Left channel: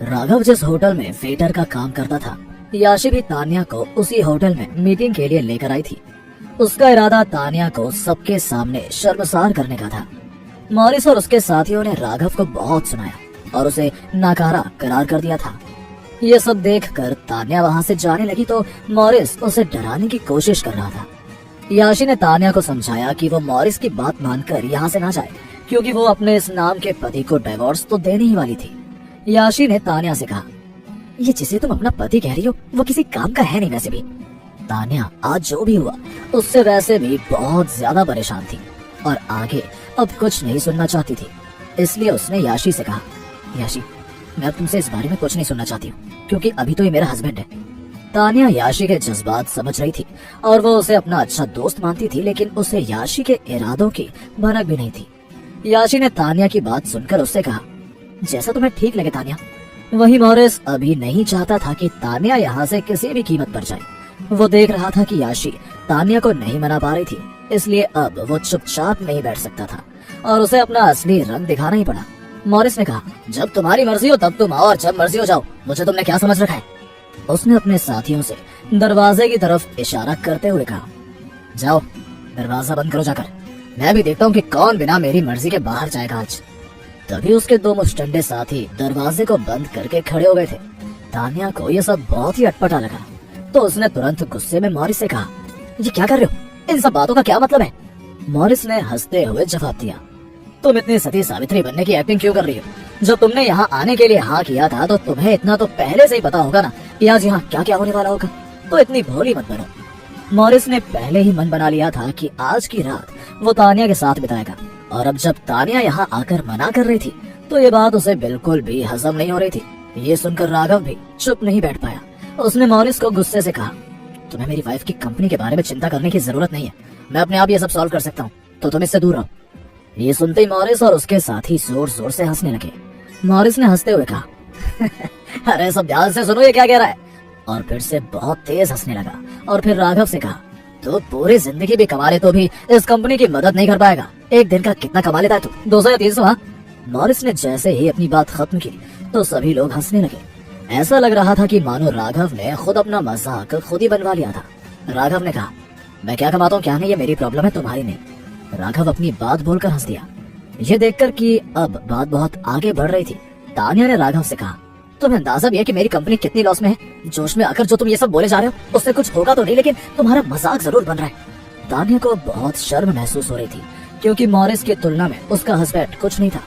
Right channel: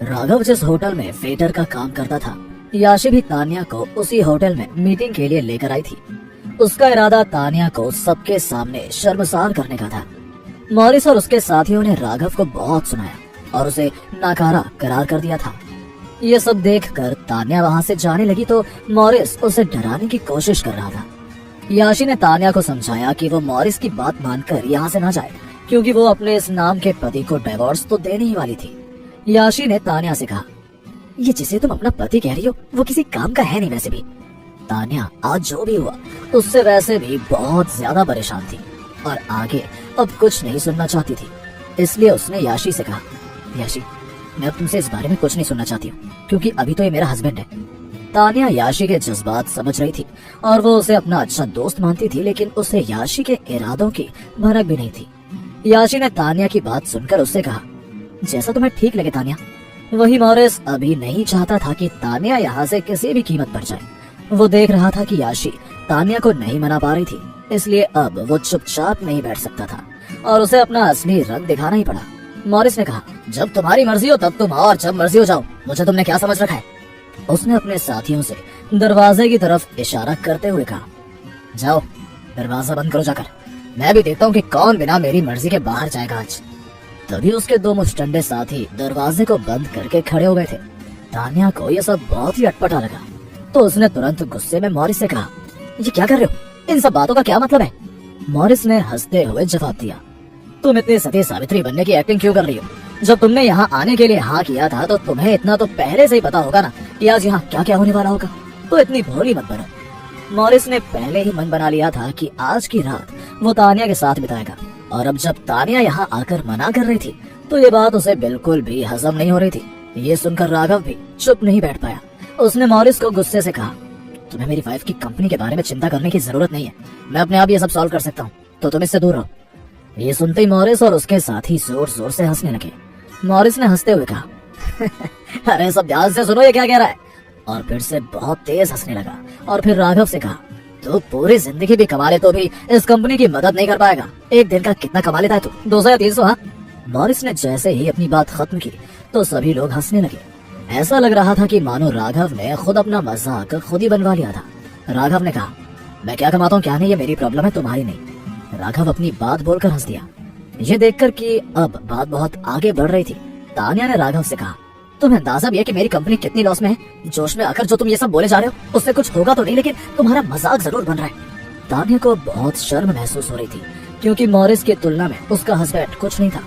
राघव जिस होटल में वेटर का काम करता था, याशी भी तान्या को उसी होटल में मीटिंग के लिए लेकर आई थी। उसका इरादा तान्या को सबके सामने शर्मसार करने का था। मॉरिस और उसके साथियों ने राघव को बहुत सुनाया और उसे नाकारा करार कर दिया था। ये सब देखकर तान्या वहाँ से जाने लगी तो मॉरिस उसे डराने की कोशिश कर रहा था। याशी ने तान्या को समझाया कि वो मॉरिस की बात मानकर यहाँ से न जाए, क्योंकि वो अपने इस नाम के पति को डिवोर्स तो देने ही वाली थी। याशी ने तान्या से कहा, ये जिसे तुम अपना पति कह रही हो वो किसी काम का है नहीं। वैसे भी तान्या आज जो भी हुआ उससे वैसे भी बहुत ज्यादा परेशान थी और आगे अब कुछ नहीं सुनना चाहती थी। इसलिए उसने याशी से कहा, याशी मैं अब तुमसे इस बारे में कुछ नहीं सुनना चाहती हूँ, क्योंकि अभी तो ये मेरा हस्बैंड है। तान्या याशी के जज्बात समझ रही थी और वो उसे अपना अच्छा दोस्त मानती थी, लेकिन उसे याशी के इरादों की भनक भी नहीं थी। याशी ने तान्या की बात सुनकर उससे कहा, जैसा तुम्हें ठीक लगे तान्या। वही मॉरिस अभी नहीं चाहता था कि तान्या यहाँ से किसी भी कीमत पर जाए। वो देख रहा था कि याशी तान्या को नहीं मना पा रही थी, इसलिए अब वो चुपचाप नहीं बैठ सकता था और उसे अपना असली रंग दिखाना ही पड़ा। मॉरिस ने कहा, जब तुम्हारी मर्जी हो तब तुम और जब मर्जी हो जाओ, मुझे तुमने क्या समझ रखा है। उसने अपने साथियों से दरवाजे की तरफ इशारा करते हुए कहा, जाओ दरवाजा बंद करो जाकर, मैं भी देखता हूँ कि कौन बिना मेरी मर्जी के बाहर जाएगा आज। तभी उसके दो मुस्टंडे साथी दरवाजे को बंद करके खड़े हो गए थे। तान्या को ये सब बहुत ही अटपटा लगा तो उसने तुरंत गुस्से में मॉरिस से कहा, ये क्या कर रहे हो, इन सब बातों का क्या मतलब है। मॉरिस ने हंसते हुए जवाब दिया, तुम इतनी सती सावित्री बनने की एक्टिंग क्यों कर रही हो। जब तुमने यहाँ आने के लिए हाँ किया था तो तुम्हें इतना तो पहले से ही पता होगा ना कि आज यहाँ क्या क्या होने वाला होगा, तो इतनी भोली मत बनो। मॉरिस ने पहले ही मन बना लिया था कि आज की रात वो तान्या के साथ बिताएगा, और अब जब तान्या यहाँ आकर मना कर रही थी तो ये बात उसे बिल्कुल भी हजम नहीं हो रही थी। ये सुनकर राघव भी चुप नहीं बैठ पाया। उसने मॉरिस को गुस्से से कहा, तुम्हें मेरी वाइफ की कंपनी के बारे में चिंता करने की जरूरत नहीं है, मैं अपने आप ये सब सॉल्व कर सकता हूँ, तो तुम इससे दूर रहो। ये सुनते ही मॉरिस और उसके साथी जोर जोर से हंसने लगे। मॉरिस ने हंसते हुए कहा, अरे सब ध्यान से सुनो ये क्या कह रहा है, और फिर से बहुत तेज हंसने लगा। और फिर राघव से कहा, तो पूरी जिंदगी भी कमा ले तो भी इस कंपनी की मदद नहीं कर पाएगा। एक दिन का कितना कमा लेता है तू, 200 या 300? हाँ। मॉरिस ने जैसे ही अपनी बात खत्म की तो सभी लोग हंसने लगे। ऐसा लग रहा था कि मानो राघव ने खुद अपना मजाक खुद ही बनवा लिया था। राघव ने कहा, मैं क्या कमाता हूँ क्या नहीं, ये मेरी प्रॉब्लम है, तुम्हारी नहीं। राघव अपनी बात बोलकर हंस दिया। ये देखकर कि अब बात बहुत आगे बढ़ रही थी, तान्या ने राघव से कहा, तुम्हें अंदाजा भी है कि मेरी कंपनी कितनी लॉस में है। जोश में आकर जो तुम ये सब बोले जा रहे हो उससे कुछ होगा तो नहीं, लेकिन तुम्हारा मजाक जरूर बन रहा है। तान्या को बहुत शर्म महसूस हो रही थी, क्योंकि मॉरिस की तुलना में उसका हस्बैंड कुछ नहीं था।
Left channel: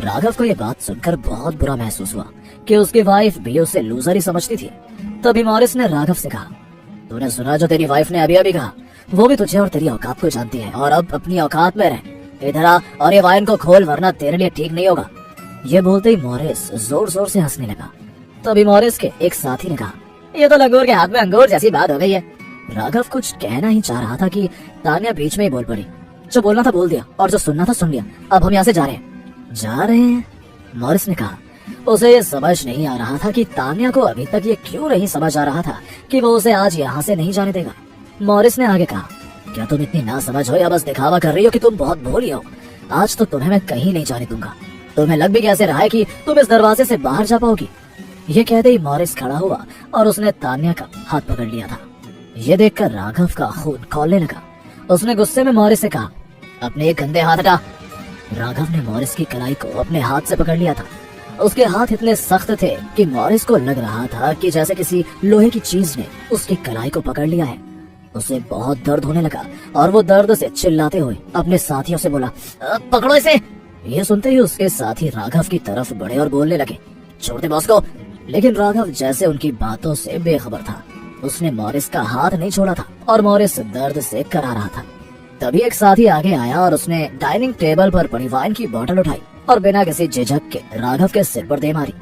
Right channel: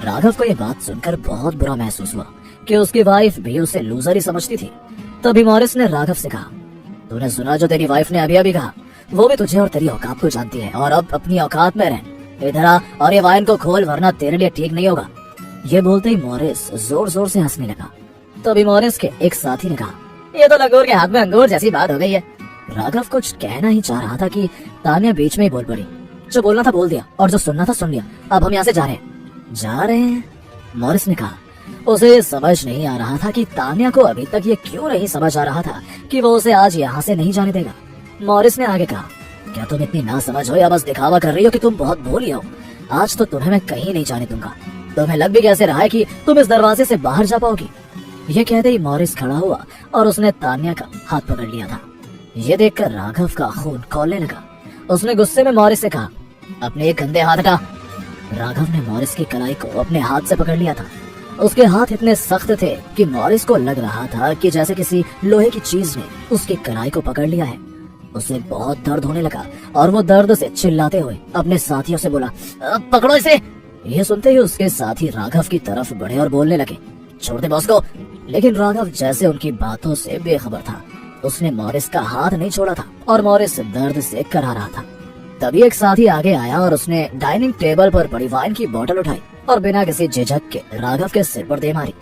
राघव को ये बात सुनकर बहुत बुरा महसूस हुआ कि उसकी वाइफ भी उसे लूजर ही समझती थी। तभी मॉरिस ने राघव से कहा, तूने सुना जो तेरी वाइफ ने अभी अभी कहा, वो भी तुझे और तेरी औकात को जानती है, और अब अपनी औकात में रह। इधर आ और ये वाइन को खोल, वरना तेरे लिए ठीक नहीं होगा। ये बोलते ही मॉरिस जोर जोर से हंसने लगा। तभी मॉरिस के एक साथी ने कहा, ये तो लंगूर के हाथ में अंगूर जैसी बात हो गई है। राघव कुछ कहना ही चाह रहा था कि तान्या बीच में ही बोल पड़ी, जो बोलना था बोल दिया और जो सुनना था सुन लिया, अब हम यहाँ से जा रहे हैं। मॉरिस ने कहा, उसे ये समझ नहीं आ रहा था कि तान्या को अभी तक ये क्यों नहीं समझ आ रहा था कि वो उसे आज यहाँ से नहीं जाने देगा। मॉरिस ने आगे कहा, क्या तुम इतनी ना समझ हो या बस दिखावा कर रही हो कि तुम बहुत भोली हो। आज तो तुम्हें मैं कहीं नहीं जाने दूंगा। तुम्हें लग भी कैसे रहा है कि तुम इस दरवाजे से बाहर जा पाओगी। ये कहते ही मॉरिस खड़ा हुआ और उसने तान्या का हाथ पकड़ लिया था। ये देखकर राघव का खून खौलने लगा। उसने गुस्से में मॉरिस से कहा, अपने एक गंदे हाथ हटा। राघव ने मॉरिस की कलाई को अपने हाथ से पकड़ लिया था। उसके हाथ इतने सख्त थे कि मॉरिस को लग रहा था कि जैसे किसी लोहे की चीज ने उसकी कलाई को पकड़ लिया है। उसे बहुत दर्द होने लगा और वो दर्द से चिल्लाते हुए अपने साथियों से बोला, पकड़ो इसे। ये सुनते ही उसके साथी राघव की तरफ बढ़े और बोलने लगे, छोड़ दे बॉस को। लेकिन राघव जैसे उनकी बातों से बेखबर था। उसने मॉरिस का हाथ नहीं छोड़ा था और मॉरिस दर्द से करा रहा था। तभी एक साथी आगे आया और उसने डाइनिंग टेबल पर पड़ी वाइन की बोतल उठाई और बिना किसी झिझक के राघव के सिर पर दे मारी।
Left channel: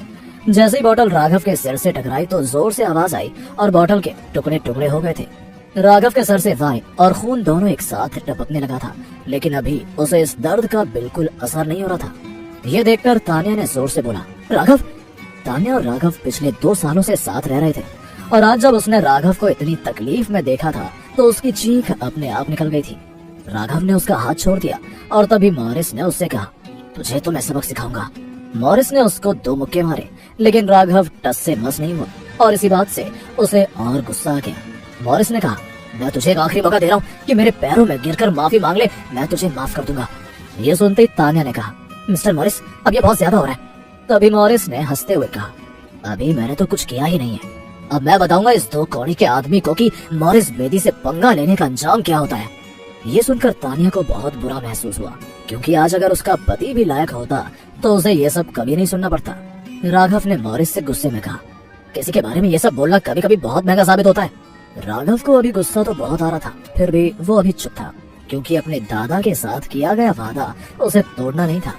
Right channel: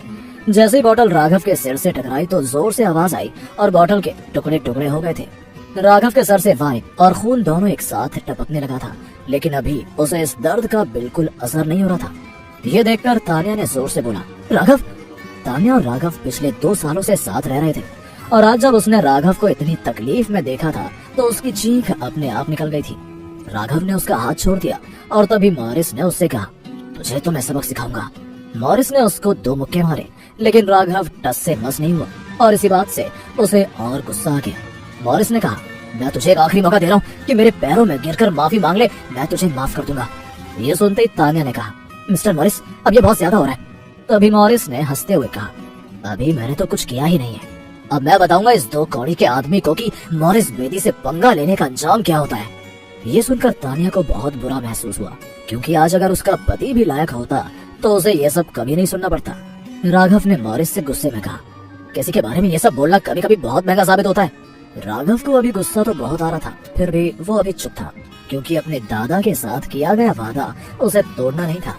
जैसे ही बोतल राघव के सिर से टकराई तो जोर से आवाज आई और बोतल के टुकड़े टुकड़े हो गए थे। राघव के सर से वाइन और खून दोनों एक साथ टपकने लगा था, लेकिन अभी उसे इस दर्द का बिल्कुल असर नहीं हो रहा था। ये देखकर तान्या ने जोर से बोला, राघव। तान्या और राघव पिछले 2 सालों से साथ रह रहे थे, और आज जब उसने राघव को इतनी तकलीफ में देखा था तो उसकी चीख अपने आप निकल गई थी। राघव ने उसका हाथ छोड़ दिया और तभी मॉरिस ने उससे कहा, तुझे तो मैं सबक सिखाऊंगा। मॉरिस ने उसको 2 मुक्के मारे, लेकिन राघव टस से मस नहीं हुआ और इसी बात से उसे और गुस्सा आ गया। मॉरिस ने कहा, मैं तुझे एक आखिरी मौका दे रहा हूँ कि मेरे पैरों में गिरकर माफी मांग ले, मैं तुझे माफ कर दूंगा। ये सुनते ही तान्या ने कहा, मिस्टर मॉरिस, अब ये बहुत ज्यादा हो रहा है। तभी मॉरिस ने हंसते हुए कहा, अभी मैंने तो कुछ किया ही नहीं है। अब मैं बताऊंगा इस 2 कौड़ी के आदमी को कि मॉरिस बेदी से पंगा लेने का अंजाम क्या होता है। ये सुनकर तान्या को बहुत बुरा महसूस हुआ, क्योंकि आज अगर उसका पति भी लायक होता तो उसे ये सब कभी नहीं सुनना पड़ता। राघव ने मॉरिस से गुस्से में कहा, किसी के बारे में ये सब बोलना कभी कभी बहुत महंगा साबित होता है। राघव को अभी गुस्सा तो बहुत आ रहा था, फिर भी वो अभी चुप था, क्योंकि अपने दादा के साथ किया गया वादा उसे तोड़ना नहीं था।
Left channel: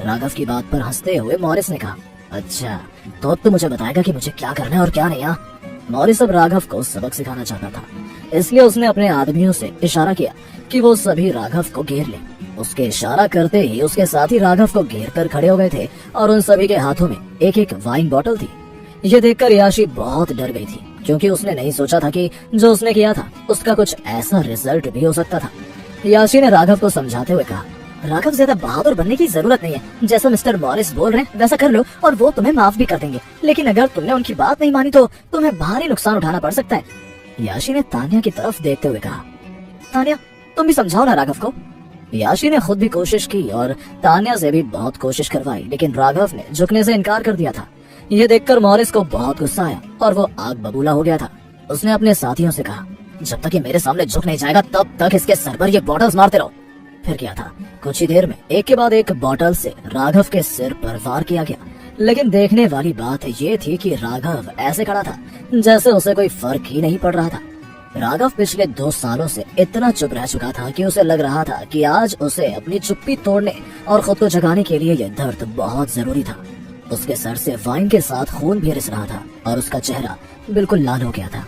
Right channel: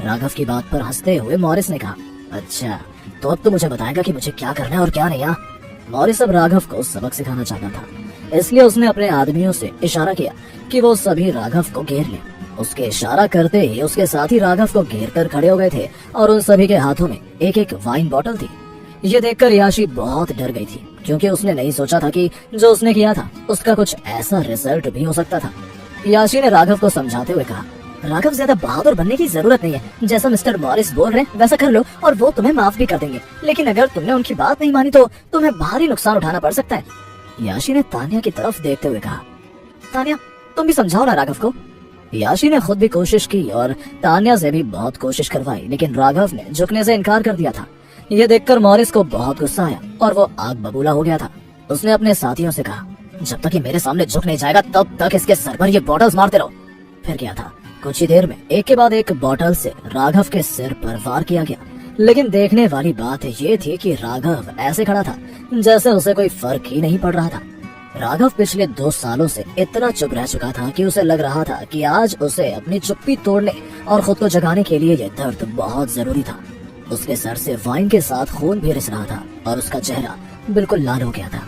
राघव की बात पर हंसते हुए मॉरिस ने कहा, अच्छा तो मुझे बताएगा कि मुझे क्या करना है और क्या नहीं। हाँ, मॉरिस अब राघव को सबक सिखाना चाहता था, इसलिए उसने अपने आदमियों से इशारा किया कि वो सभी राघव को घेर ले। उसके इशारा करते ही उसके साथी राघव को घेर कर खड़े हो गए थे और उन सभी के हाथों में एक एक वाइन बॉटल थी। ये देखकर याशी बहुत डर गई थी, क्योंकि उसने नहीं सोचा था कि जो उसने किया था उसका कुछ ऐसा रिजल्ट भी हो सकता था। याशी ने राघव को समझाते हुए कहा, राघव, ज्यादा बहादुर बनने की जरूरत नहीं है। जैसा मिस्टर मॉरिस बोल रहे हैं वैसा कर लो और वो तुम्हें माफ भी कर देंगे, लेकिन अगर तुमने उनकी बात नहीं मानी तो तुम्हें भारी नुकसान उठाना पड़ सकता है। याशी ने तान्या की तरफ देखते हुए कहा, तान्या, तुम भी समझाओ ना राघव को। याशी ने खुद भी कोशिश की और तान्या से भी बहुत कोशिश करवाई, लेकिन राघव ने झुकने से इनकार कर दिया था। ये देखकर मॉरिस को बहुत गुस्सा आया और वो आग बबूला हो गया था। उसने अपने साथियों से कहा, जब तक ये मेरे सामने झुक नहीं जाएगा तब तक इसके सर पर ये बॉटल्स मारते रहो। फिर क्या था, कुछ ही देर में एक के बाद एक बॉटल से राघव के सिर पर वार किया गया, लेकिन देखने वाली बात ये थी कि राघव ऐसे खड़ा था जैसे उसे कोई फर्क ही नहीं पड़ रहा था। राघव पिछले 2 सालों से इतना चुप रह चुका था कि उसे लग रहा था कि आज उसे अपनी चुप्पी तोड़ने और खुद को जगाने के लिए यह दर्द बहुत जरूरी था। उसके सर से वाइन के साथ खून भी रिस रहा था और उसका चेहरा बिल्कुल लाल हो गया था।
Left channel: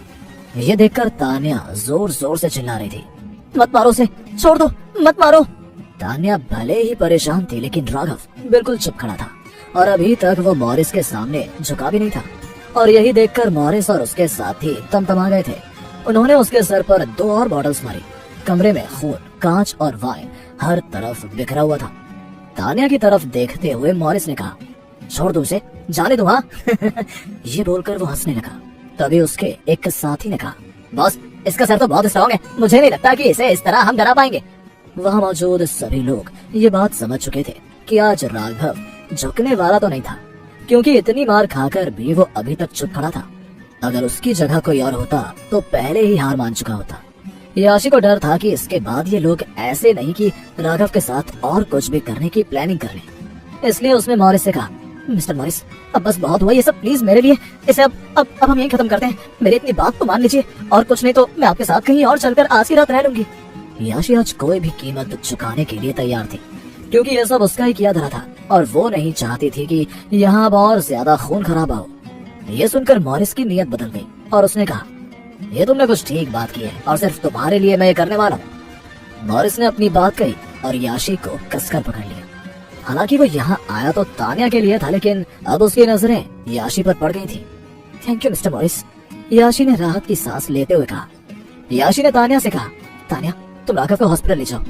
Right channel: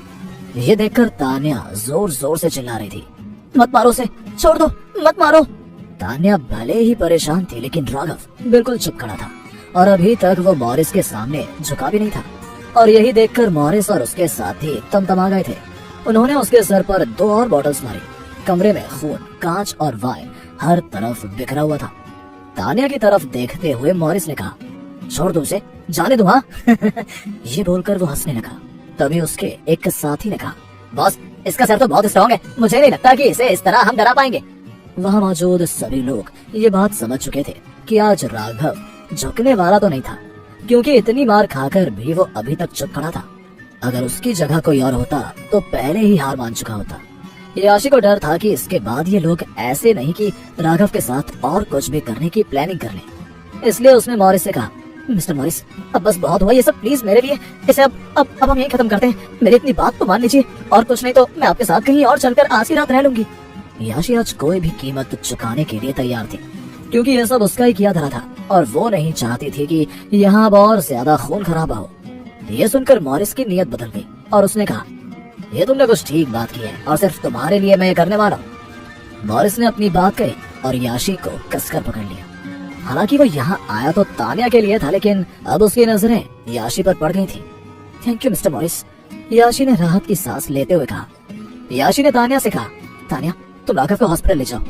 ये देखकर तान्या जोर जोर से चिल्ला रही थी, मत मारो उसे, छोड़ दो, मत मारो। तान्या भले ही परेशान थी, लेकिन राघव बिल्कुल चुप खड़ा था और अभी तक वो मॉरिस के सामने झुका भी नहीं था। और यही देखकर मॉरिस और उसके साथी तमतमा गए थे। उन्होंने उसके सर पर 2 और बॉटल्स मारी। कमरे में खून, कांच और वाइन हर तरफ बिखरा हुआ था। तान्या की तरफ देखते हुए मॉरिस ने कहा, छोड़ दो उसे, जाने दो। हाँ ये बोलकर वो हंसने लगा। तभी उसके एक साथी ने कहा, बॉस, इसका सर तो बहुत स्ट्रॉन्ग है, मुझे नहीं लगता कि इसे इस तरह हम डरा पाएंगे। वहाँ मौजूद सभी लोग ये बात समझ चुके थे कि आज राघव झुकने वाला तो नहीं था, क्योंकि इतनी मार खाकर भी वो अभी तक चुप खड़ा था। अगर उसकी जगह कोई और होता तो पहले ही हार मान चुका होता। याशी को डर था कि इसके बाद ये लोग ऐसे नहीं कि राघव के साथ और कुछ भी करने की प्लानिंग कर लें। इसलिए उसने मॉरिस से कहा, मिस्टर मॉरिस, अब बस बहुत हुआ ये सब, प्लीज मेरे लिए इसे अब हम यही खत्म करते हैं। मेरी इतनी बात तो मान लीजिए, और कुछ नहीं तो मैं आपके साथ कहीं और चलकर आज की रात रह लूंगी। याशी आज कोई भी कीमत चुकाने के लिए तैयार थी, क्योंकि ये सब उसका ही किया धरा था और वो नहीं चाहती थी कि यहाँ और ज्यादा खून खराबा हो। ये सुनकर मॉरिस की नीयत बदल गई और उसने कहा, ये तुमने कुछ ठीक बात की है और सिर्फ तुम्हारे लिए मैं ये करने वाला हूँ। मॉरिस ने अपनी बात कही और याशी को कसकर पकड़ लिया। हालांकि वो यहाँ आया तो तान्या के लिए था, लेकिन अब उसकी नजरें याशी पर पड़ गई थी। थैंक यू मिस्टर मॉरिस, याशी ने राहत की सांस लेते हुए कहा। याशी ने तान्या से कहा, तान्या, तुम राघव को हॉस्पिटल ले जाओ।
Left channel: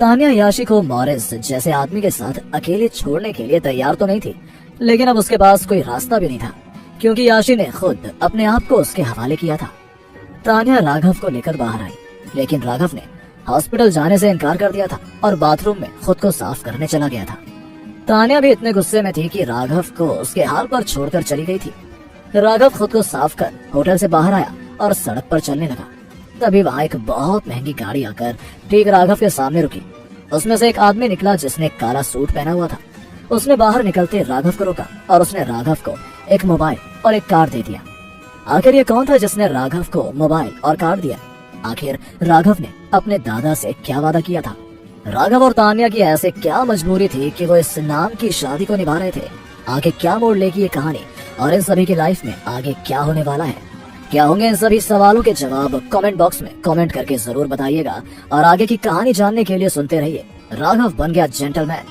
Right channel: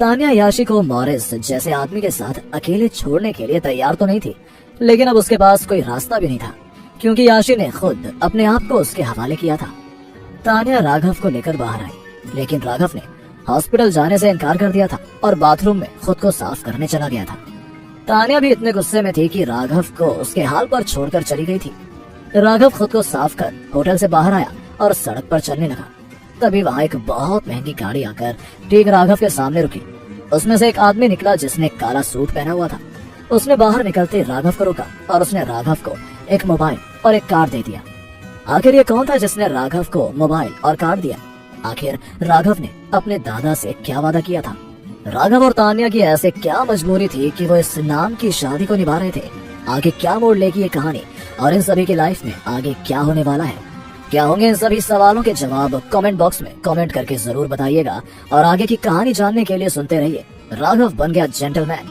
तान्या याशी को मॉरिस जैसे आदमी के साथ अकेले छोड़ने के लिए तैयार तो नहीं थी, लेकिन अब उसके पास कोई रास्ता भी नहीं था, क्योंकि याशी ने खुद अपने आप को उसके हवाले किया था। तान्या राघव को लेकर बाहर आई, लेकिन राघव ने हॉस्पिटल जाने से इनकार कर दिया था और बाथरूम में खुद को साफ करने चला गया था। तान्या भी इतने गुस्से में थी कि राघव को उसके हाल पर छोड़कर चली गई थी। राघव खुद को साफ कर होटल से बाहर आया और सड़क पर चलने लगा। तभी वहाँ एक बहुत महंगी गाड़ी आकर ठीक राघव के सामने रुकी। उसमें से एक आदमी निकला जिसने काला सूट पहना हुआ था। उसने बाहर निकलते राघव को रोका और उसने राघव को एक मोबाइल और एक कार्ड दे दिया। आखिर ये कौन था जिसने राघव को मोबाइल और कार्ड दिया? आखिर राघव ने अपने दादा से क्या वादा किया था? राघव और तान्या की ऐसी क्या मजबूरी थी कि वो इस नाम की शादी को निभा रहे थे? आगे क्या मोड़ लेगी ये कहानी और इन सभी की लाइफ में आगे क्या होने वाला है? क्या होंगे इन सभी सवालों के जवाब कमेंट बॉक्स में कमेंट करके जरूर बताइएगा और आगे की कहानी जानने के लिए सुनते रहिए राघव बन गया जेंटलमैन।